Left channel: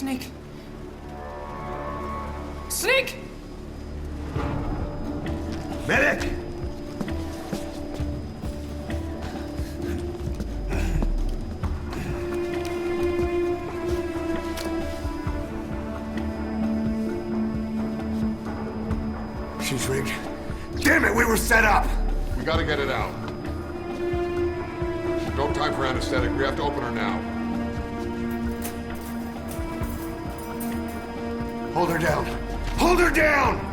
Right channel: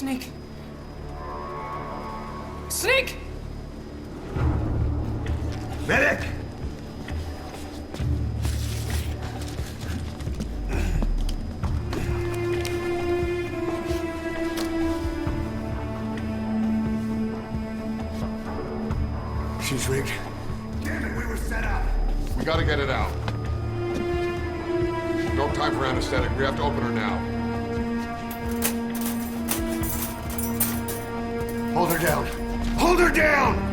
Snake! Snake! Medic! She's rigged. Damn it, we were set up! We gotta get it out. No time for anesthetic. We have to open her now. Hold her down. Hold her down!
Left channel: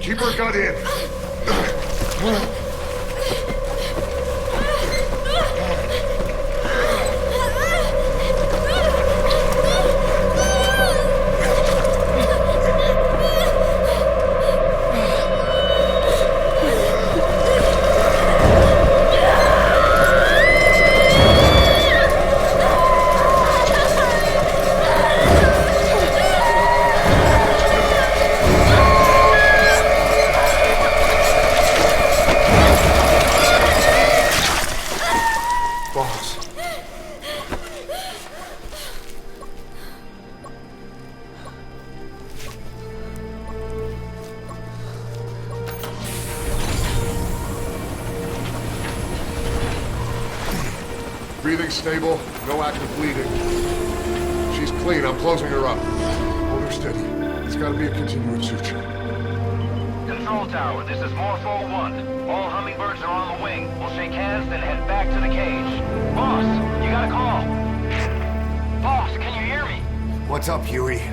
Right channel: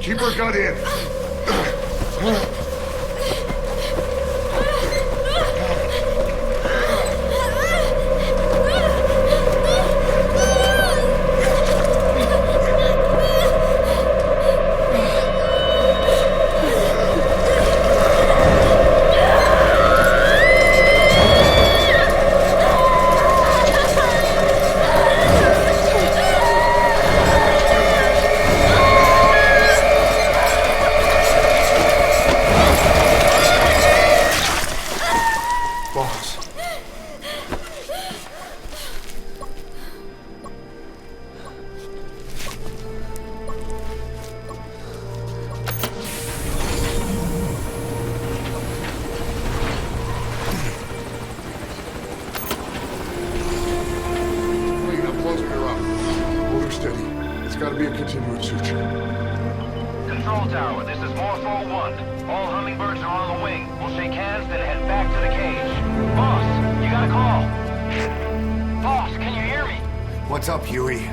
Keep her gun in. Boss. Breathing stable, no active bleeding. She's clean, I'm closing her up. Hold her steady. It's gotta be a continuous suture. Control tower, this is Morpho 1. All hummingbirds are on the wing. We'll shake hands, then head back to the cage. Boss, you got a call. Boss, can you hear me? What's up, Huey?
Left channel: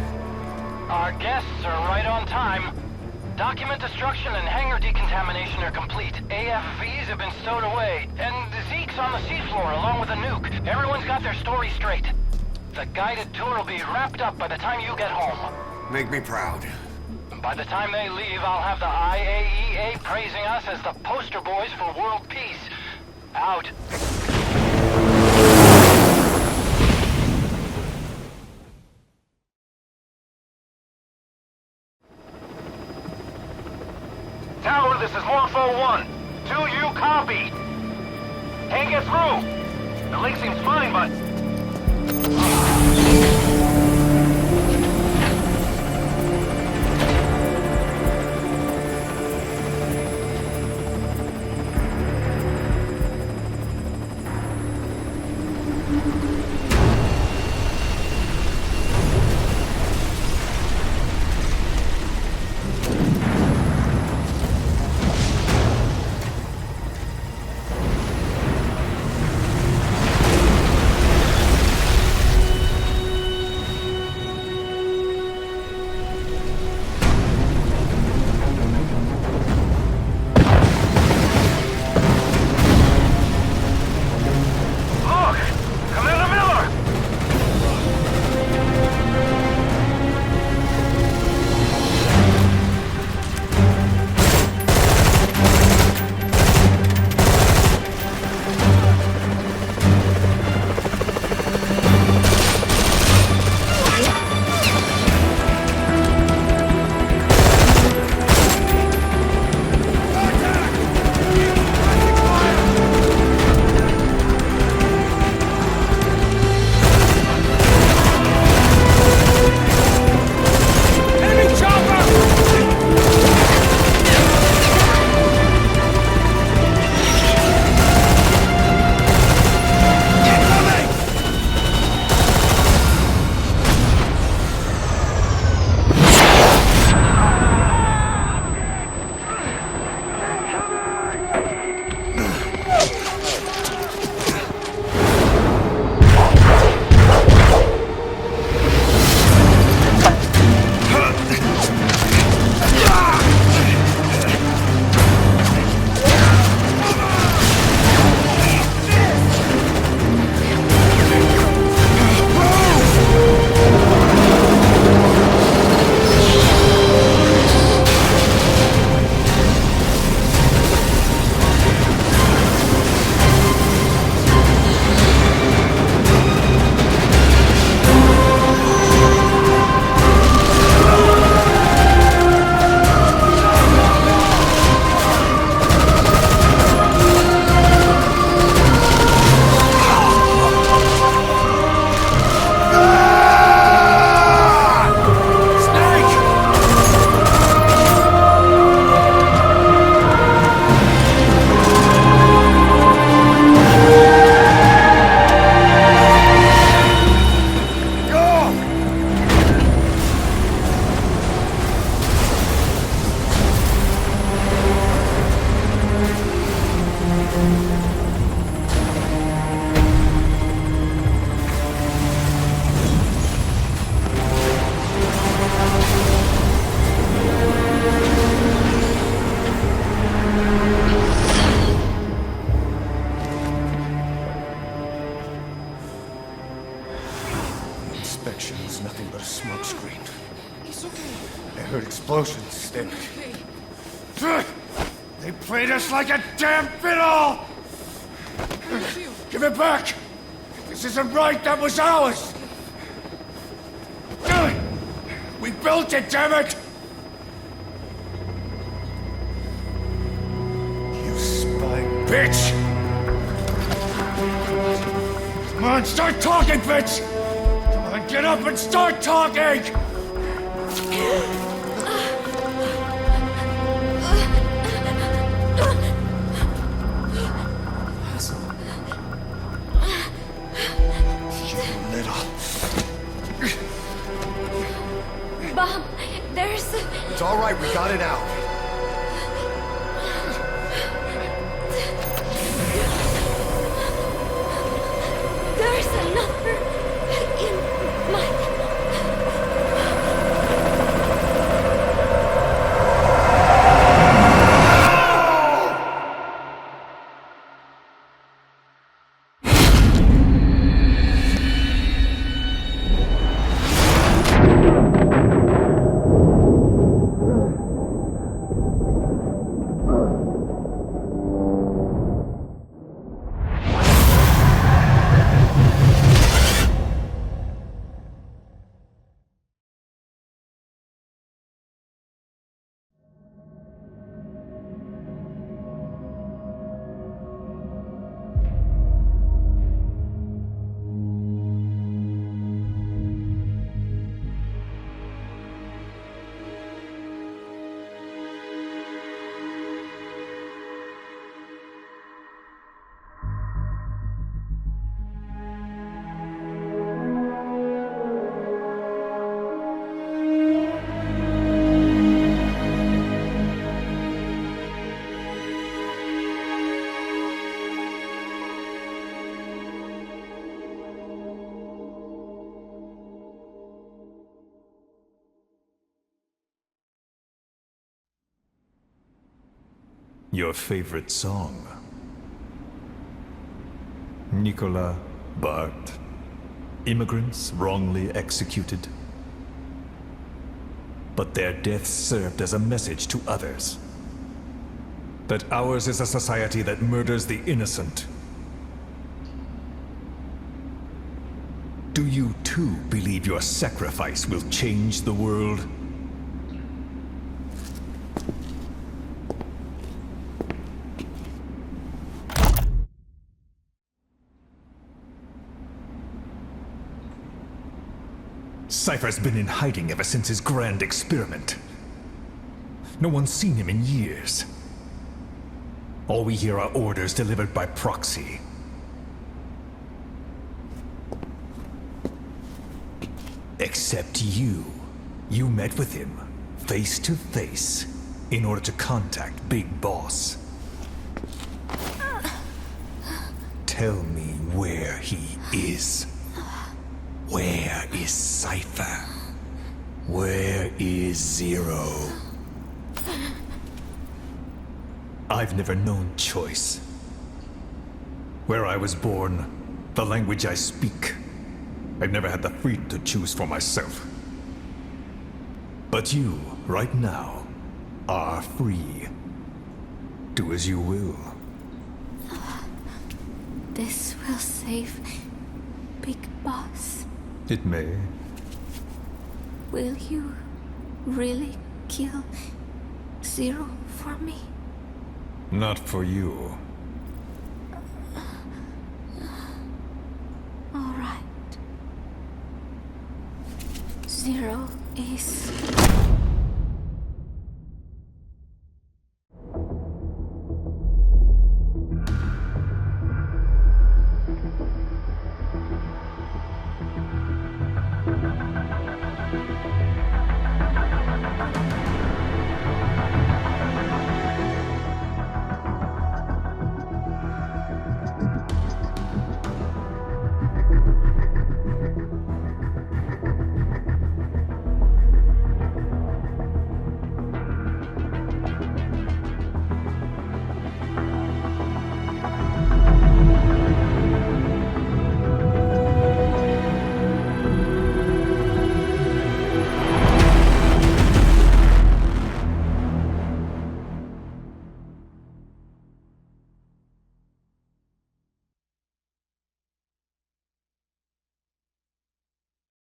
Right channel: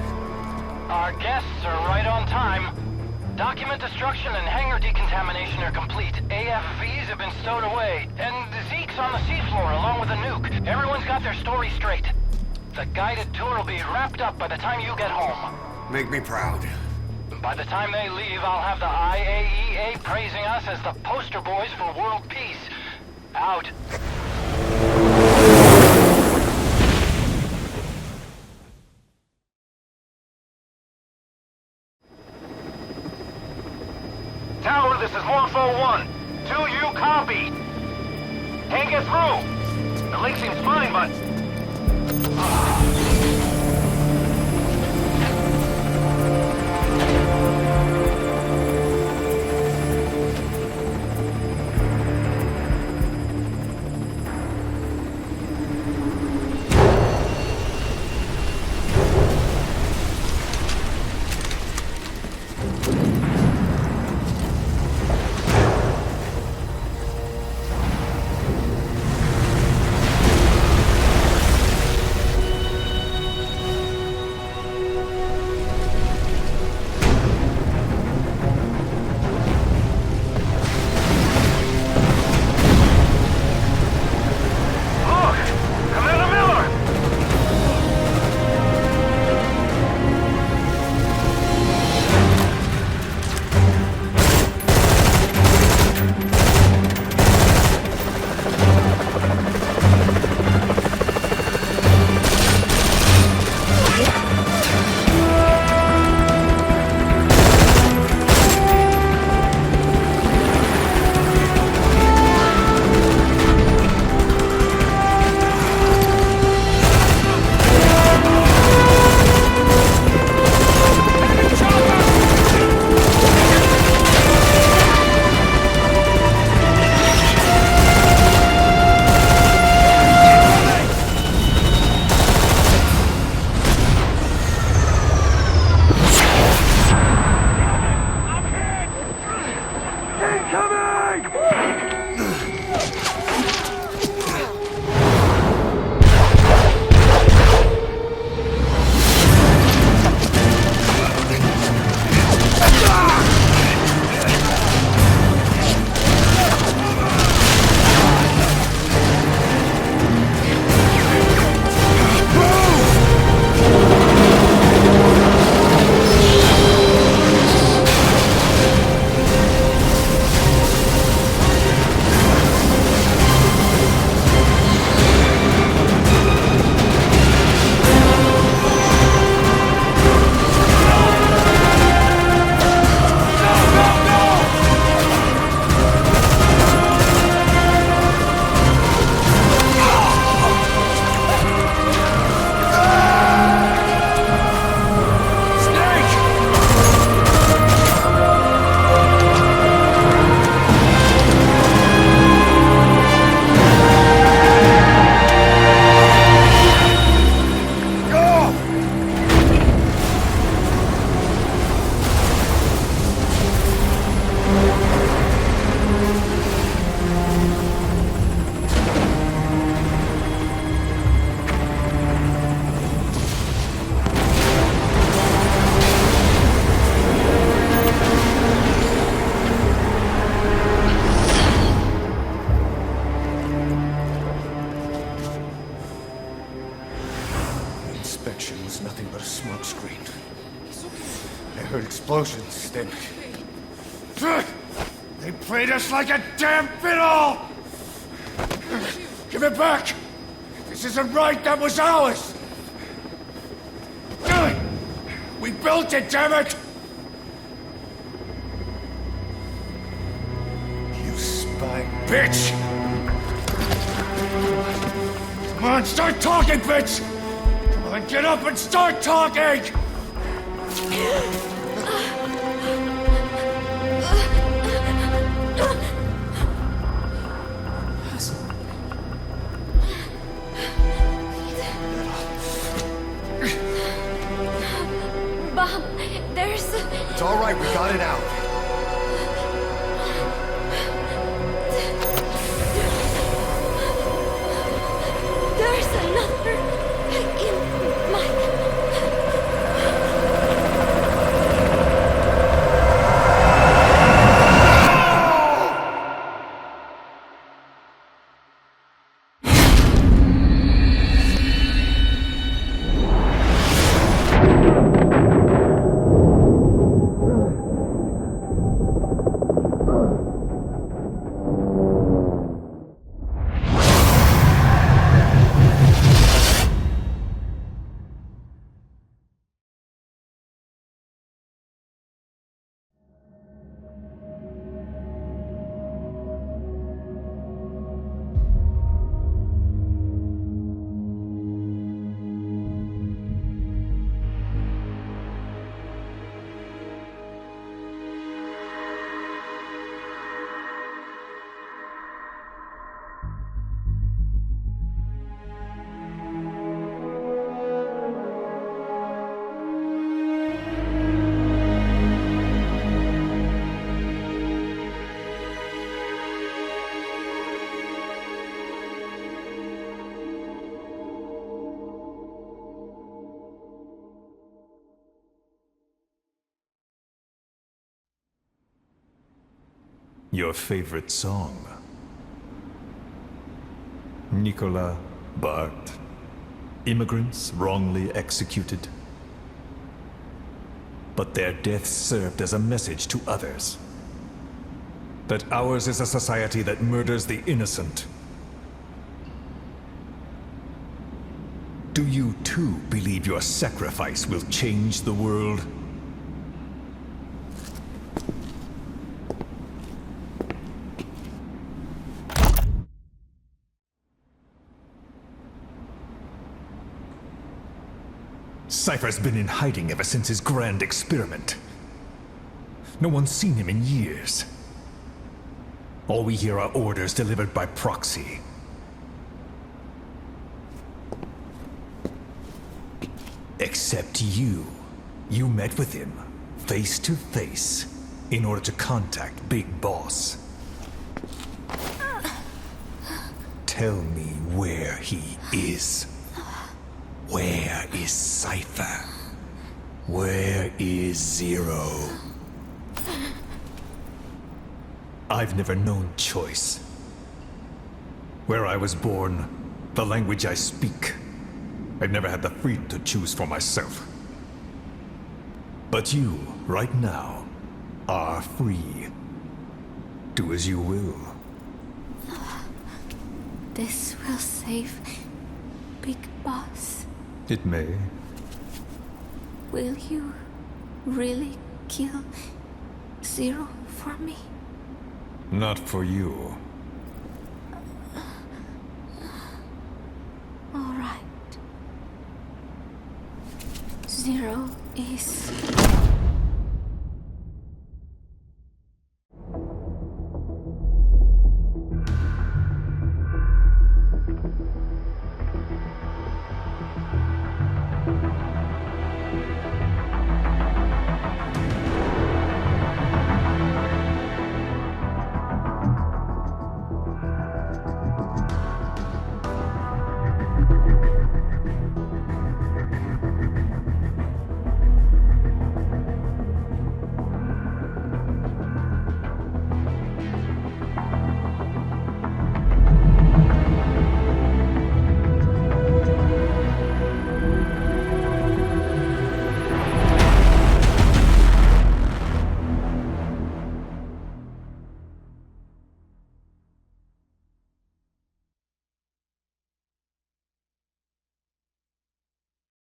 Our guests are right on time. Document destruction and hangar decontamination are complete. AFVs have been stowed away, and Zeke's on the seafloor along with a nuke. Everyone's got their story straight. The guided tour will be wrapped up by the time you get home. Make me proud. By the time they leave, I'll have the IAEA praising us as the poster boys for world peace. Out. Tower, this is Morpho 1. Do you copy? Can't get through. The link seems fine, but... smoke screen. He's okay. I heard explosions, then... Okay. They played us like a damn fiddle! Give it back! This isn't right, that was ours! We built it, damn it! You spying bitch! Come on, start talking, bitch! Come on, get up and start talking! Bob, there's... It's all right, we got it out. There's another in my... Your favorite song? Nicola, Bart, immigrants wrongly executed. But their deaths served as a message to others. That ours is a society that murders the innocent. Do you too believe your sacrifice will change the world? Cypher's been in hiding ever since his grand experiment. No one's seen him in years. All we hear are orders delivered by proxy. Except you. You met with him, face to face, in order to contact Big Boss. Tell me where he is. Where is Cypher? Where is Zero? I've never known choice. Where I was born, the language I speak, I've never had the freedom to choose for myself. But you, right now, are free. Do as you will. This will save Big Boss. It may. Will you really kill Zero for me? Not for you. All right. Zero is